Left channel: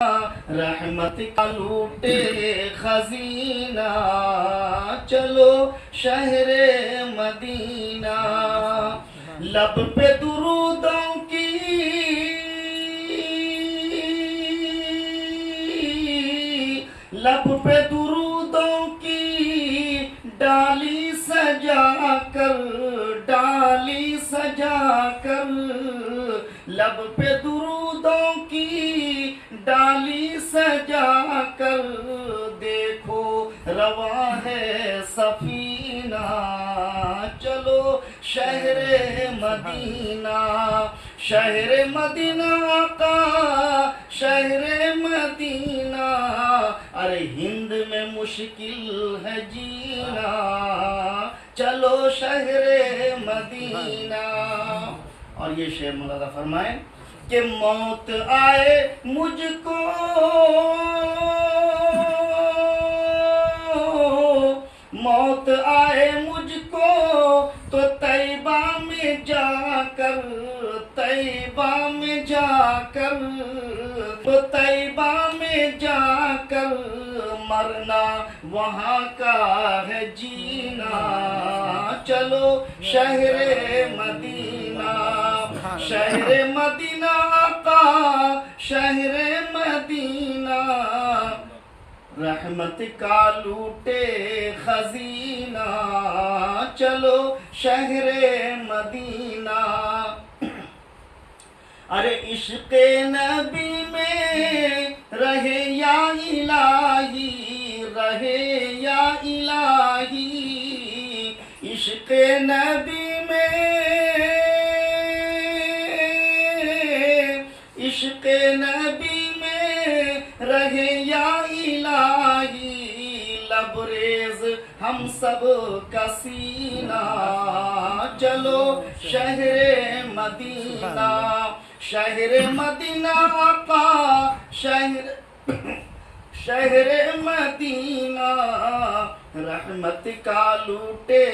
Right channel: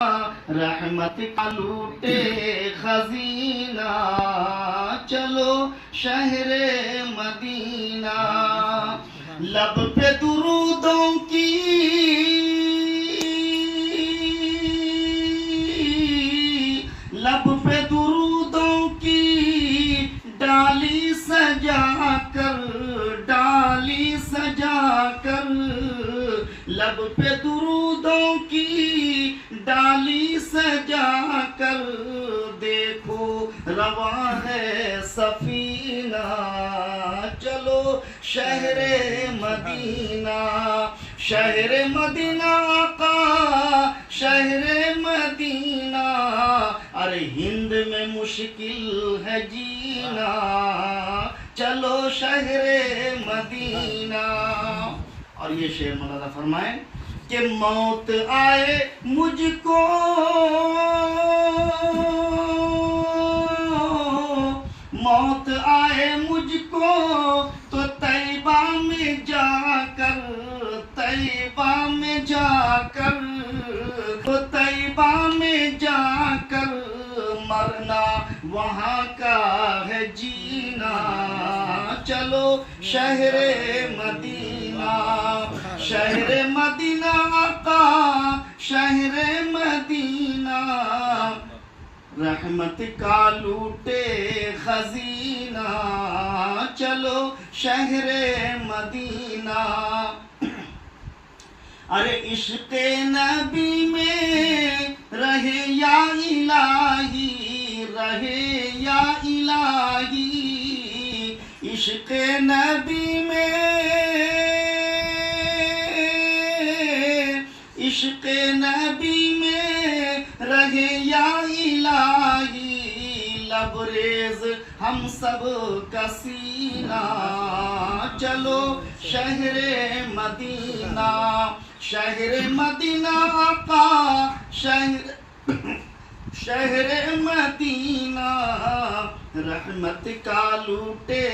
رحمت کا لوٹے خزینہ، چلو شہر مدینہ، لب پہ درودوں کی لب پہ درودوں کی ڈالی سجا کر لب پہ درودوں کی ڈالی سجا کر، دیکھو رواں ہے سفینہ، چلو شہر مدینہ، شہر مدینہ آقا شہر مدینہ، ارے ہند میں مشکل ہے جینا، چلو شہر مدینہ۔ اور یہ شعر مولانا فرمائیں کہ موت آئے مجھ کو، موت آئے مجھ کو تو طیبہ میں جا کر، طیبہ میں جا کر، تو طیبہ میں جا کر، مرنا وہاں کا ہے جینا، چلو شہر مدینہ، شہر مدینہ آقا شہر مدینہ، رحمت کا لوٹے خزینہ، چلو شہر مدینہ۔ ارے عشق نبی میں رہے یا الہی، رہے یا الہی، عشق نبی میں، عشق نبی میں رہے یا الہی، لبریز ہم سب کا سینہ، چلو شہر مدینہ، شہر مدینہ آقا شہر مدینہ، رحمت کا لوٹے